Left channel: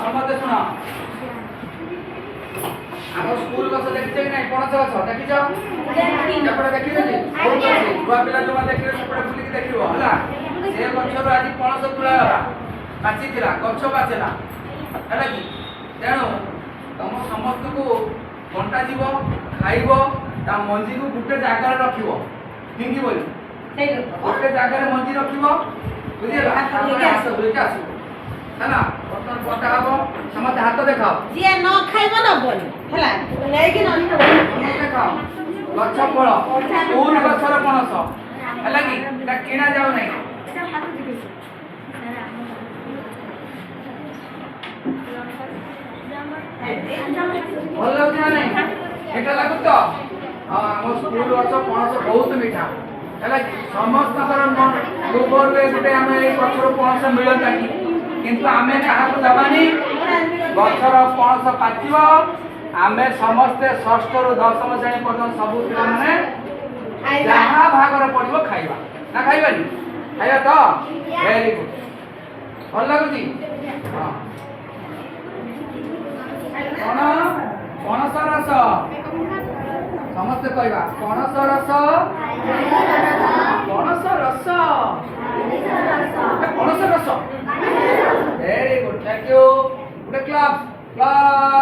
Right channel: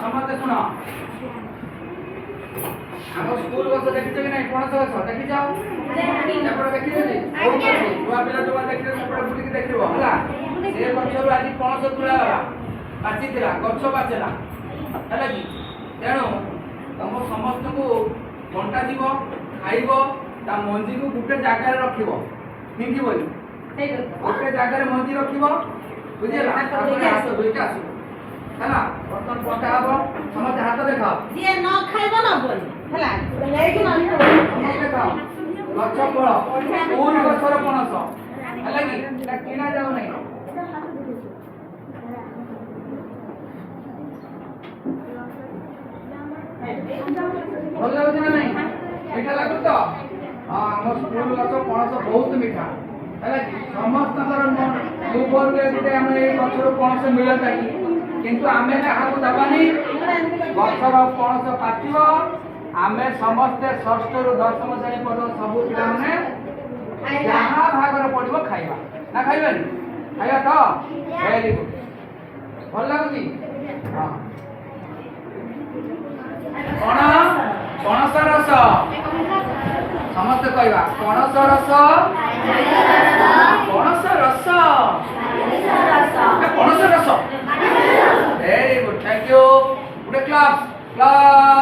समझते सुन आम school bus देखिछ कि नहीं पणस गछ देखिछ एपटे देखियो जी बहुत अच्छी छुआ पिला जो देखियो सेपटे बुलिक देखियो हला से गछरु आज पणस तुला गला पाचिथिला गछ पाचेला हला कि तेणु तुम समस्त को घंटा जीव खाइबो ता मंजी को गुटे जागा रे रखिबो हिंगी बोली गुटे जागा रे मंजी रखिबो बुझिला हाथ धोइका आसीबो हला बर्तन पटा हबो समस्त हाथ देखाओ जे न खाइबो न बोली हला लेकिन समस्त देखाओ गछ फल कोन गछर पणस हला कि एटा किणा जाऊ नै भल लागुଛି ना नहीं एटा लागु तो हम स्कूल गछ पणस बहुत मीठा हला कि समस्त लोभर रे गुटे हम ए गछर पणस मिलता कि किंतु आमे काहाको दबानी गछर पणस पाचिब आमे समस्ते षष्ठ रु दशम श्रेणी पर्यंत सबु पिला माने जहाँ भागर पड़िबो खाइबा ना खाइबानी खाइबा तो वेरी गुड भल लागुची हां कोन पणस रस समस्त कहवा पणस रस पणस रस पणस रस very good thank you good class class